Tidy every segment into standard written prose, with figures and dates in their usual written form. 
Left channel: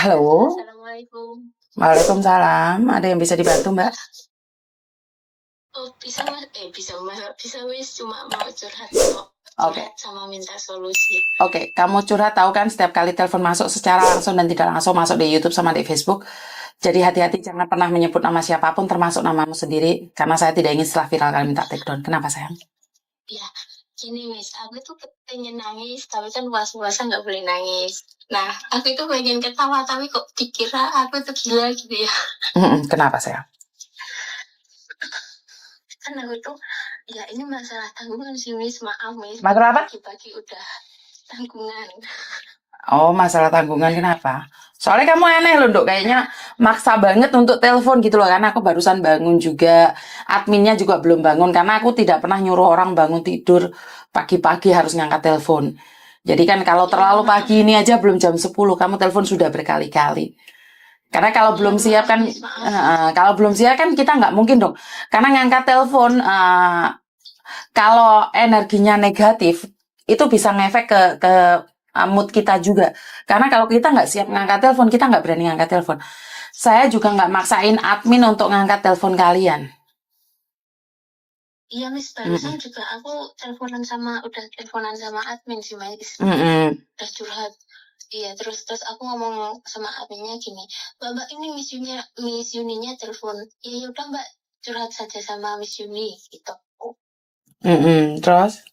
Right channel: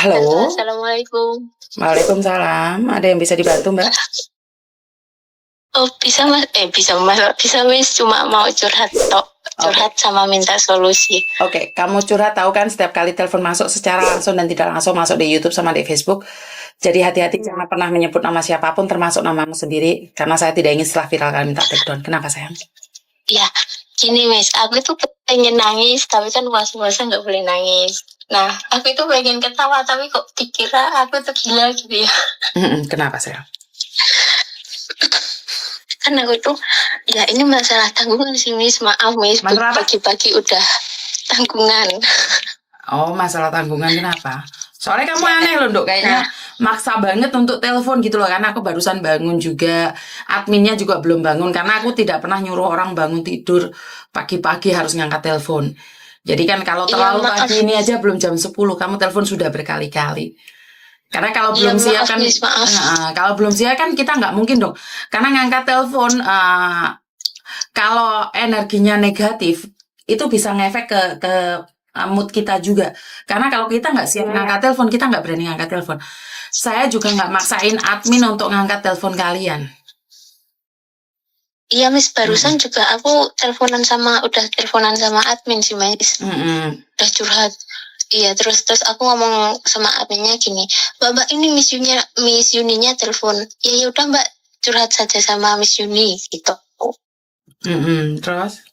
Halo, Halo. assalamualaikum. Waalaikumsalam. Ada yang bisa dibantu, Mbak? Oh, bisa Mas? Bisa Mas, bisa Miss. Cuma mau curhat tok. Oke. Curhat sama minta solusi. Oke, kamu curhat tahu kan setiap kali telepon masuk secara langsung dan tidak langsung masuk di YouTube sama di Facebook. Jadi hati-hati jangan pernah menyebut nama siapapun termasuk namamu sendiri karena saya tidak ingin setelah viral kalian minta take down. Kenapa sayang? Ya, gini Miss, aku tuh pengen nangis, tapi kan puasa-puasa nggak boleh nangis. Nah, aku itu pengen ketawa, tapi kok dikira aku tuh gila gitu ya. Kenapa sayang? Kan aku tuh, ya ini masalah tanggungan sih Miss. Maaf Miss, Masalah apa? pagi-pagi udah tanggungan. Oh, masalah tanggungan kenapa? Soalnya kamu aneh loh, Dok. Kayaknya Nah, maksa banget untuk telepon gitu loh. Karena aku barusan bangun juga. Adminnya juga belum bangun. Karena aku tidak pernah nyuruh orang bangun tidur pagi-pagi harus ngangkat telepon. Jadi kan kalau iya terlalu maaf. pagi ini aja belum jam 10, kamu telepon sudah berkali-kali. Karena kalau Iya belum siap maaf kan, Miss, maaf. kalau belum siap kan kita nggak mungkin dong. Karena ngangkat telepon, kalau energinya negatif, itu bisa ngefek ke mood kita juga. Karena kalau kita nggak siap ngangkat telepon, kita nggak berani ngangkat telepon. Saya juga nggak maksain admin untuk ngangkat telepon kalian. Iya Miss, barusan juga aku udah teleponan sama admin sih Miss. Udah curhat. Iya, terus aku ngomong sama adminnya gini, Mbak ini Miss Yuninya telepon. Ya udah Mbak, curhat saja sama Miss Yuni gitu. Terus?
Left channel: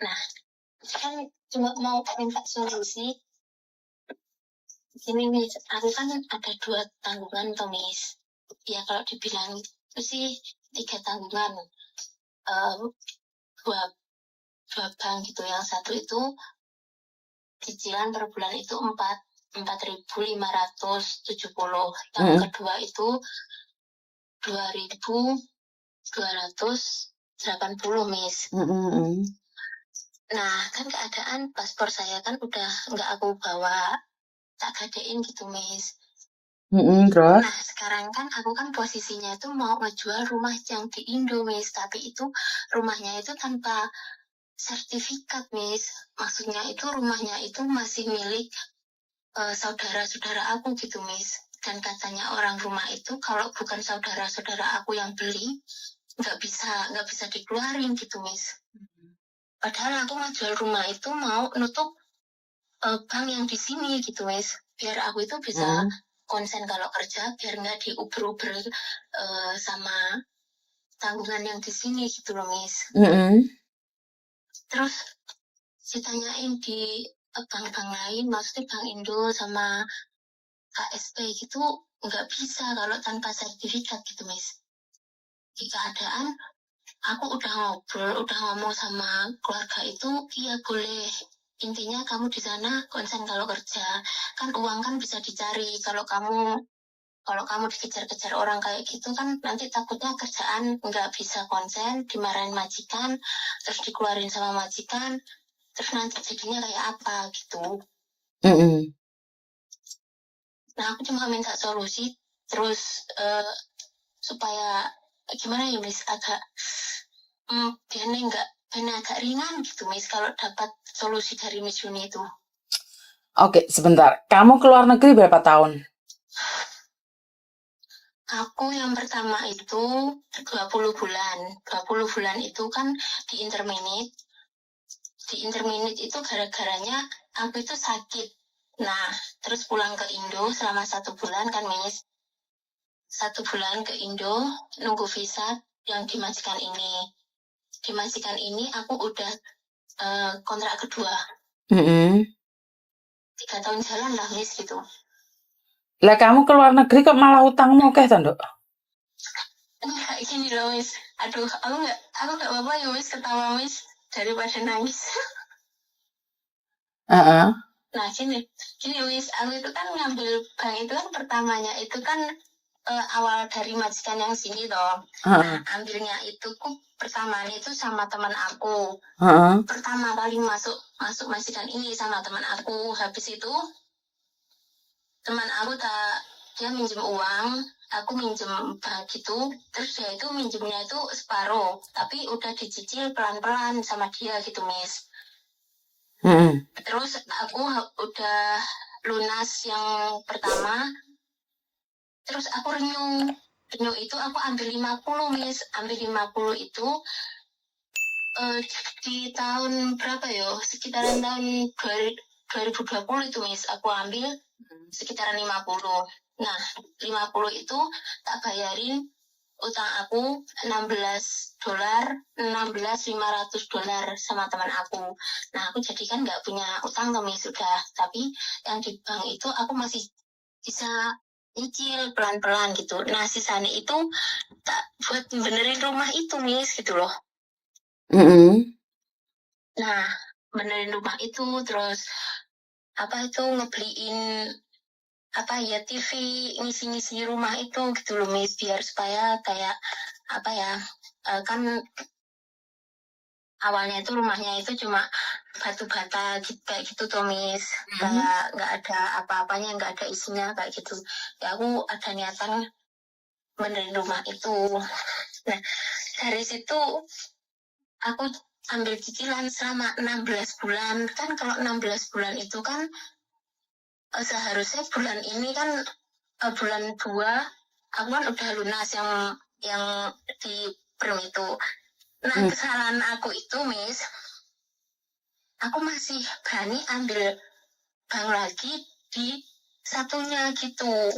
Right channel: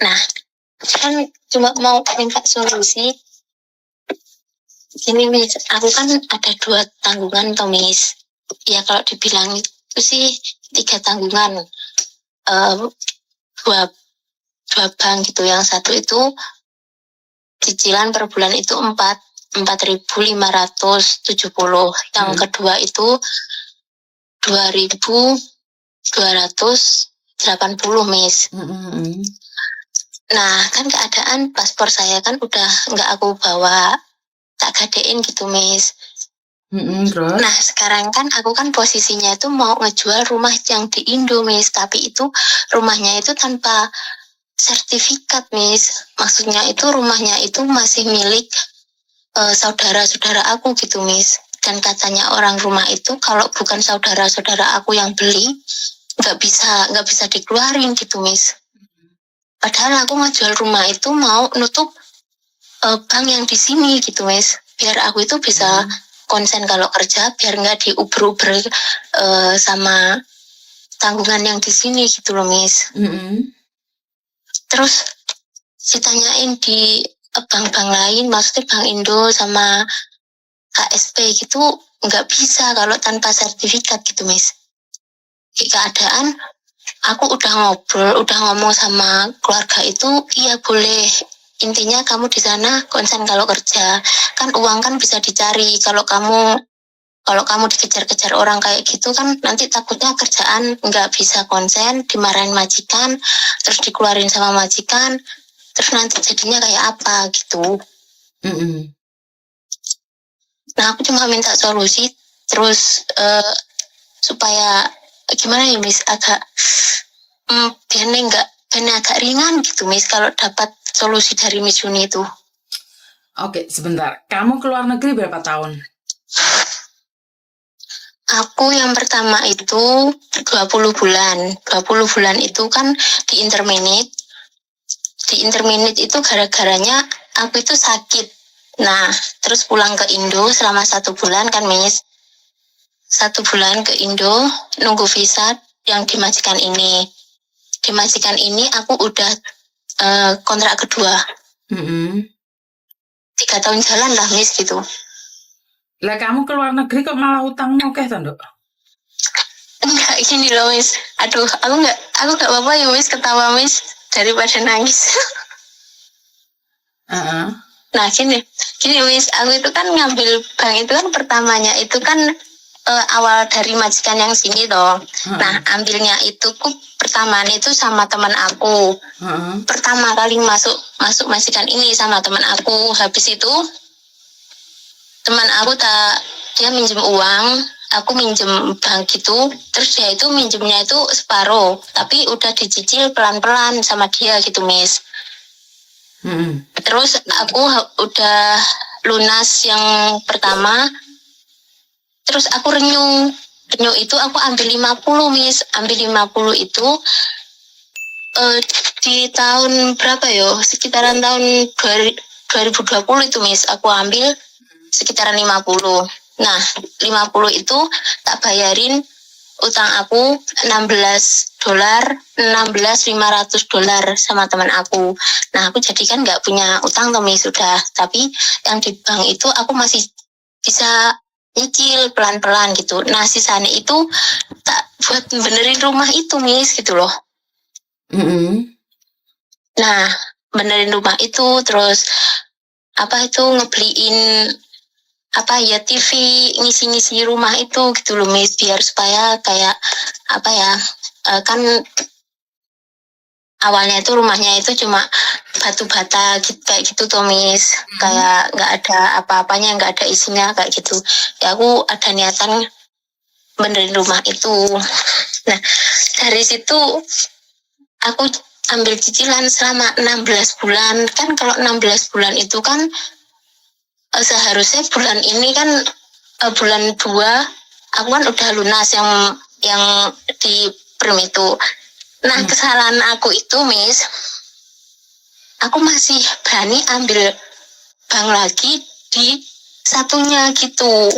Nah, kan cuma mau minta solusi. Gini Miss, aku kan ada 2 tanggungan toh Miss. Ya kalau dibilang itu sih 3 tanggungan. Dua bank gitu. Yang satu itu cicilan per bulan itu 4.570. Yang kedua itu 2.280 Miss. Nah, kan keadaan paspor saya kan udah nggak aku bawa, tak gadein gitu Miss. Terus? Nah, sekarang kan aku kan posisinya itu mau ngejual rumah yang di Indo Miss, tapi itu rumahnya itu tanpa sertifikat Miss. Maksudnya itu rumahnya itu masih milik saudara-saudara aku gitu Miss. Dan katanya orang rumah itu kalau bukan saudara-saudara aku yang beli nggak bisa dikeluarin gitu Miss. Padahal aku ngejual rumah itu mau nutup bank yang di sini gitu Miss, biar aku itu bisa konsen kalau kerja, biar nggak diuber-uber sama tanggungan yang di sini gitu loh Miss. Terus ditanyain di bank-bank lain, maksudnya Bank Indo sama KSP gitu nggak bisa kalau tanpa sertifikat gitu Miss. Di keadaan aku udah ngomong sama keluarga itu, iya boleh. Intinya kamu di sana konsen kalau kerja. Kan uang kan bisa dicari. Kalau kamu dikejar-kejar orang kayak gitu kan nanti takutnya kerjaan nggak bisa konsen, dimarahin majikan, terus dikeluarin sama majikan, terus nanti jadinya kayak apa gitu. Nah aku cuma minta solusi terus supaya gimana ya Miss, agak biar agak ringan gitu Miss kalau dapat solusi dari Miss Yuni itu. Oke, sebentar. Kamu keluar negeri berapa tahun? Aku yang pertama itu 20 bulan. 20 bulan itu kan di interminate. Di interminate itu gara-garanya aku itu sakit. Nah, terus pulang ke Indo selama 1 bulan kan Miss. 1 bulan ke Indo nunggu visa yang di majikan ini. Di majikan ini aku udah kontrak kedua. 3 tahun jalan lah Miss gitu. Lah kamu keluar negeri kok malah utangmu oke toh, Nduk? Enggak gini loh Miss. Aduh, aku nggak apa-apa ya Miss, ketawa Miss daripada nangis. Nah gini Miss, aku itu kan ngambil bank itu kan pertamanya itu kan awal dari majikan yang sini toh. Nah ambilnya itu pertamaan itu sama teman aku. Pertama kali masuk majikan ini sama teman aku. Habis itu teman aku dia minjem uang, aku minjem bank gitu, terus dia itu minjemnya itu separuh, tapi udah dicicil pelan-pelan sama dia gitu Miss. Terus aku udah lunas yang pertama, terus aku renew itu aku ambil 50 Miss, ambil 50 itu di tahun berapa yo, sekitaran tahun 2020 itu Miss, aku ambil sekitaran 50. Nah 50 itu tak bayarin utang aku $16, $16.500 sama teman aku. Nah aku jadi kan nggak punya utang tuh Miss, sudah, tapi yang di bank itu aku masih bisa nyicil pelan-pelan gitu. Nah sisanya itu tak buat benerin rumah itu Miss gitu loh. Nah benerin rumah itu, terus apa itu ngebeliin apa ya TV, ngisi-ngisi rumah itu gitu loh Miss, biar supaya kayak apa ya, kan awalnya itu rumahnya itu cuma batu bata gitu, kayak gitu tuh Miss, kayak nggak ada apa-apanya, nggak ada isinya kayak gitu ya. Aku ada niatan benerin rumah itu. Nah dari situ aku ambil cicilan selama 16 bulan. Kan kalau 16 bulan itu kan seharusnya bulan ini kan bulan 2 aku kan udah lunas yang di Prim itu. Nah kesalahan aku itu Miss, aku masih berani ambil bank lagi di satunya gitu,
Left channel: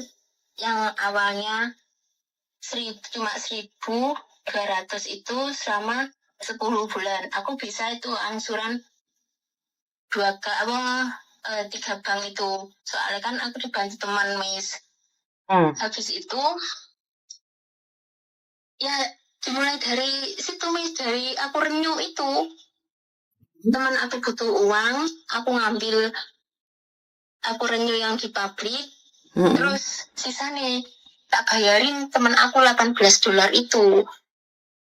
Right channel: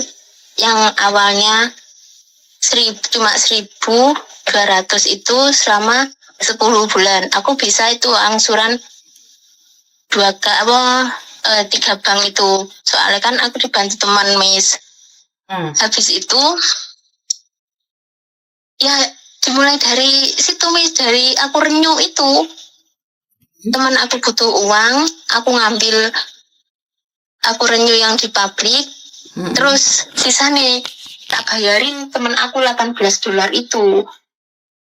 yang awalnya cuma 1.200 itu selama 10 bulan. Aku bisa itu angsuran 3 bank itu, soalnya kan aku dibantu teman Miss. Habis itu ya dimulai dari situ Miss, dari aku renew itu, teman aku butuh uang, aku ngambil, aku renew yang di pabrik, terus sisa nih tak bayarin teman aku $18 itu.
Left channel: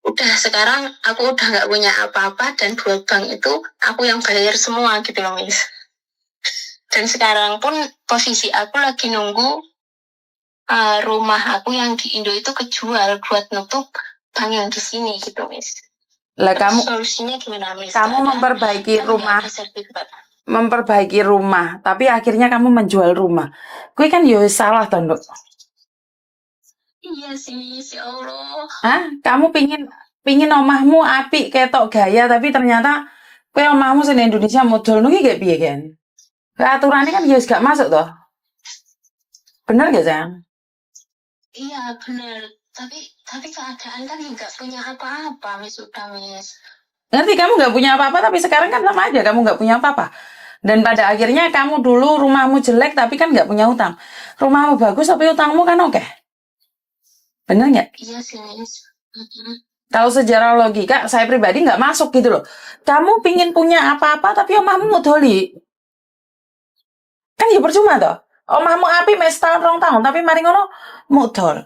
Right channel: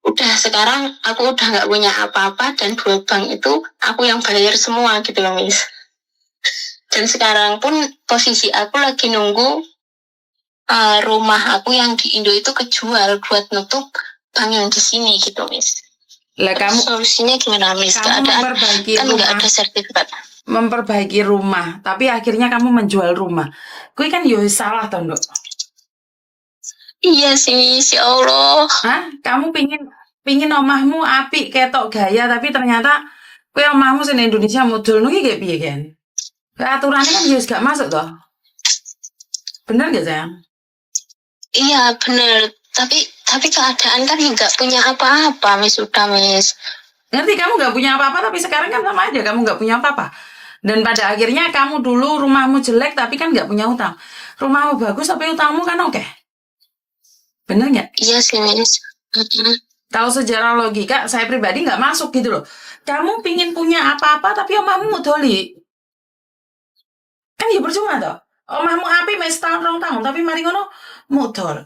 Udah sekarang aku udah nggak punya apa-apa, dan 2 bank itu aku yang bayar semua gitu loh Miss. Dan sekarang pun posisi aku lagi nunggu rumah aku yang di Indo itu kejual buat nutup bank yang di sini gitu Miss. Lah kamu solusinya gimana Miss? Kamu memperbaiki kan rumah, nggak ada sertifikat. memperbaiki rumah, tapi akhirnya kamu menjual rumah. Kue kan yo salah toh, Nduk. Iya sih Miss, ya Allah. Hah? Kamu pingin omahmu apik ketok gaya, tapi ternyata kue omahmu sing Indonesia model nuki kayak piye kan? Aturannya kan jelas gak masuk toh. Bener gak sayang? Iya bener, tapi keadaan kan nggak punya apa-apa Miss, sudah Miss. Ngerti, kamu gak punya apa-apa, tapi sekarang kan sama aja kamu gak punya apa-apa. Dan pada akhirnya kamu dulu rumahmu jelek tapi kan gak punya utang. Rumahmu bagus tapi utangmu kan oke. Bener gak? Iya sih Miss. Kalau sejarah logika, saya pribadi nggak masuk gitu loh. Kamu pingin punya apa-apa, tapi omahmu modoli. Kan ya percuma toh. Omahmu api mes tahun 2 tahun, tapi mari ngono modal.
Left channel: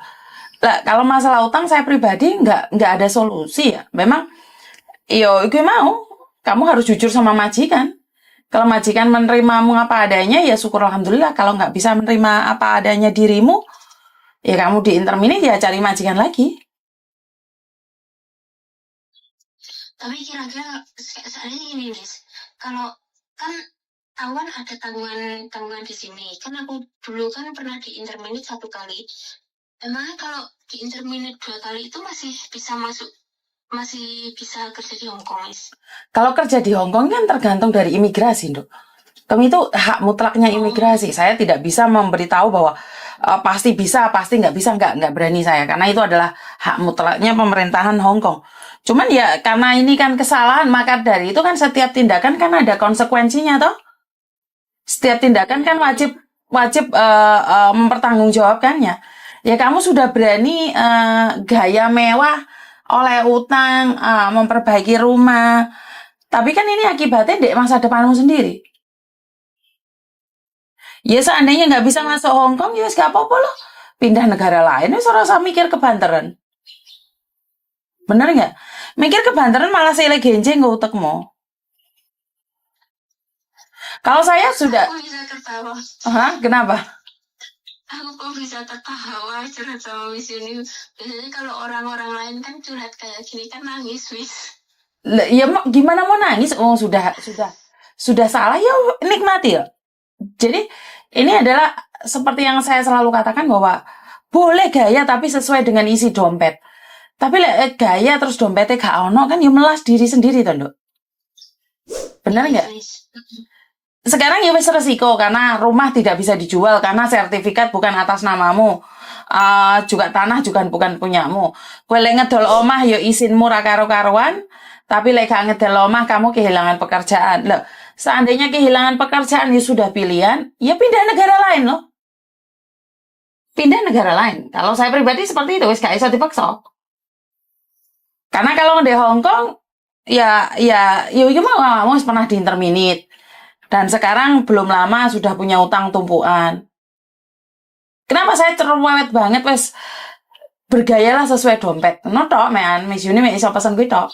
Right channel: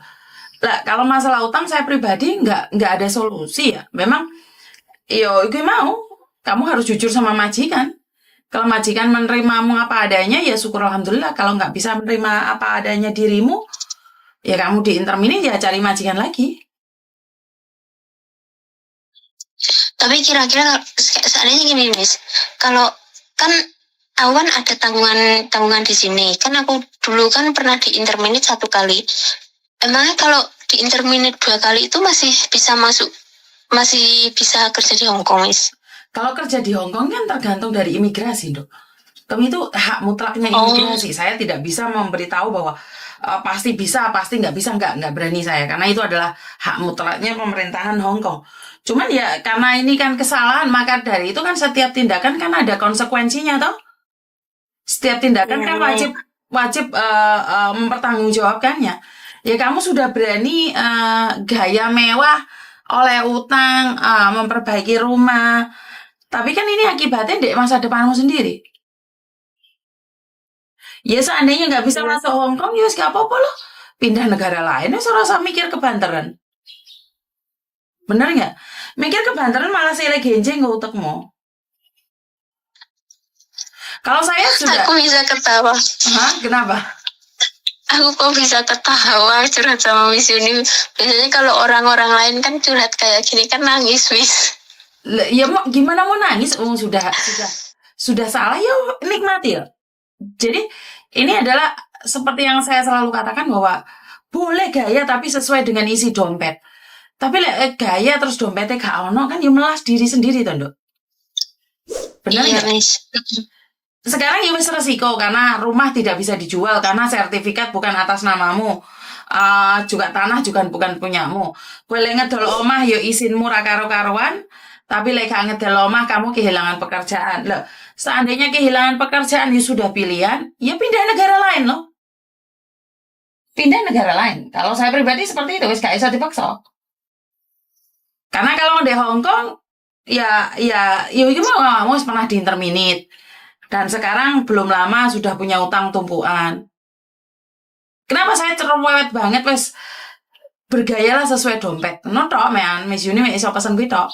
Lah, kalau masalah utang saya pribadi nggak ada solusi ya. Memang, yo gue mau. Kamu harus jujur sama majikan. Kalau majikan menerimamu apa adanya, ya syukur alhamdulillah. Kalau nggak bisa menerima apa adanya dirimu, ya kamu diintermini, ya cari majikan lagi. Tapi kira-kira seandainya gini Miss, kalau kan awan ada tanggungan di sini, kan aku dulu kan pernah di interminate 1 kali. Emangnya kalau di interminate 2 kali itu masih bisa kerja di Hong Kong Miss? Kalau kerja di Hong Kong kan tergantung dari imigrasi, Dok. Tapi itu hak mutlaknya imigrasi. Saya tidak bisa memberitahu bahwa pasti bisa, pasti nggak bisa, nggak berani saya. Karena itu adalah hak mutlaknya pemerintahan Hong Kong. Cuman ya karena ini kan kesalahan, maka dari itu kan setiap tindakan kan ada konsekuensinya, toh. Setiap tindakan kan wajib mempertanggungjawabkannya. Ya kamu sudah berani gaya mewah oleh utang, memperbaiki rumah. Tapi kan ini akibatnya di masa depanmu sendiri. Ya seandainya nggak bisa masuk Hong Kong, ya gak apa-apa loh. Pindah negara lain, ya serasa mikir kebanteran. Bener nggak? Mikir kebanteran malah sile genjeng nggak utekmu. Kalau saya sudah... Aku bisa ketawa. Kenapa? Aku kok bisa ketawa curhat sama Miss Yuni. Biasanya kalau orang-orang lain kan curhat kayak gini kan nangis Miss. Ya gimana mau nangis? Oh sudah salah ya nikmati ya. Jadi Ini adalah seperti yang saya selalu katakan bahwa boleh gaya tapi sesuai dengan isi dompet. Tapi lek gaya terus dompetnya gak ono kan ya melas diri sendiri toh, Nduk. Benar Iya, nggak? Miss. Sekarang ya wis resiko karena rumah tidak bisa dijual karena sertifikat bukan atas namamu. Juga tanah juga bukan punyamu. Kowe lek ngedol omah ya isinmu ra karo-karuan, tapi lek gak ngedol omah kamu kehilangan pekerjaan. Loh, seandainya kehilangan pekerjaan ya sudah pilihan, ya pindah negara lain loh. Pindah negara lain. Kalau saya pribadi seperti itu, wis gak bisa dipaksa. Karena kalau di Hong Kong, ya gimana kamu pernah diinterminate. Dan sekarang belum lama sudah punya utang tumpuan. Kenapa saya cerewet banget, wes bergayalah sesuai dompet. No tok, mean, Miss Yuni, iso pesen gue tok.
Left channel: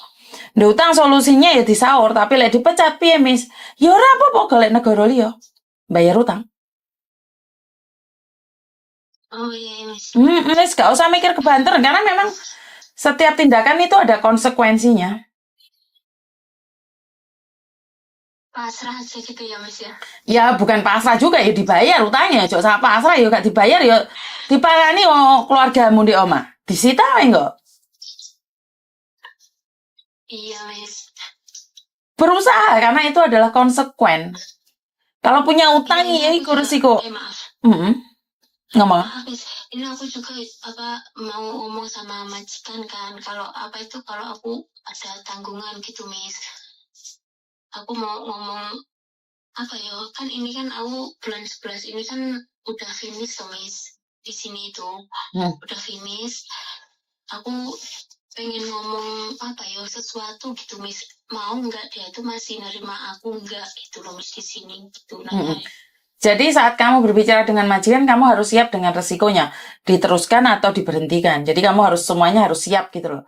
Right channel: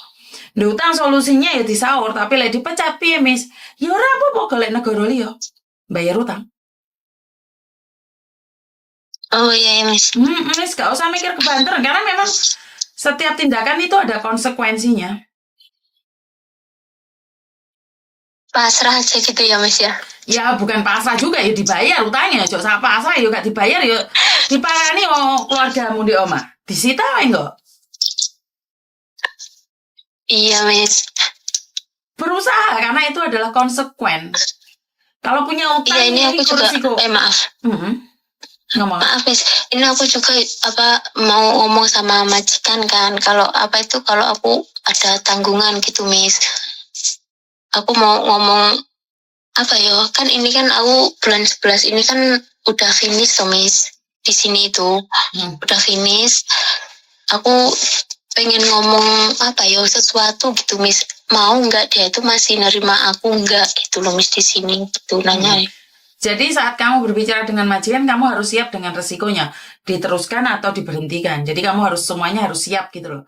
Nggak utang solusinya ya disaur, tapi lek dipecat piye, Miss? Ya ora apa-apa golek negara liya. Bayar utang. Oh iya, Miss. Miss, gak usah mikir kebanter, karena memang setiap tindakan itu ada konsekuensinya. Pasrah aja gitu ya, Miss ya. Ya bukan pasrah juga ya dibayar utangnya. Jok sak pasrah ya gak dibayar ya diparani keluargamu di omah. Disita enggak? Iya, Miss. Berusaha karena itu adalah konsekuen. Kalau punya utang Iya, ini ya aku itu juga resiko. maaf. Ngomong. Maaf, Miss. Ini aku juga mau ngomong sama majikan kan. Kalau kalau aku ada tanggungan gitu, Miss. Aku mau ngomong kan ini kan aku bulan 11 ini kan udah finish tuh, Miss. Di sini itu udah finish. Aku pengen ngomong sesuatu gitu, Miss. Mau nggak dia itu masih nerima aku nggak gitu loh, Miss, di sini gitu nanya. Jadi saat kamu berbicara dengan majikan, kamu harus siap dengan resikonya. Diteruskan atau diberhentikan. Jadi kamu semuanya harus siap gitu loh.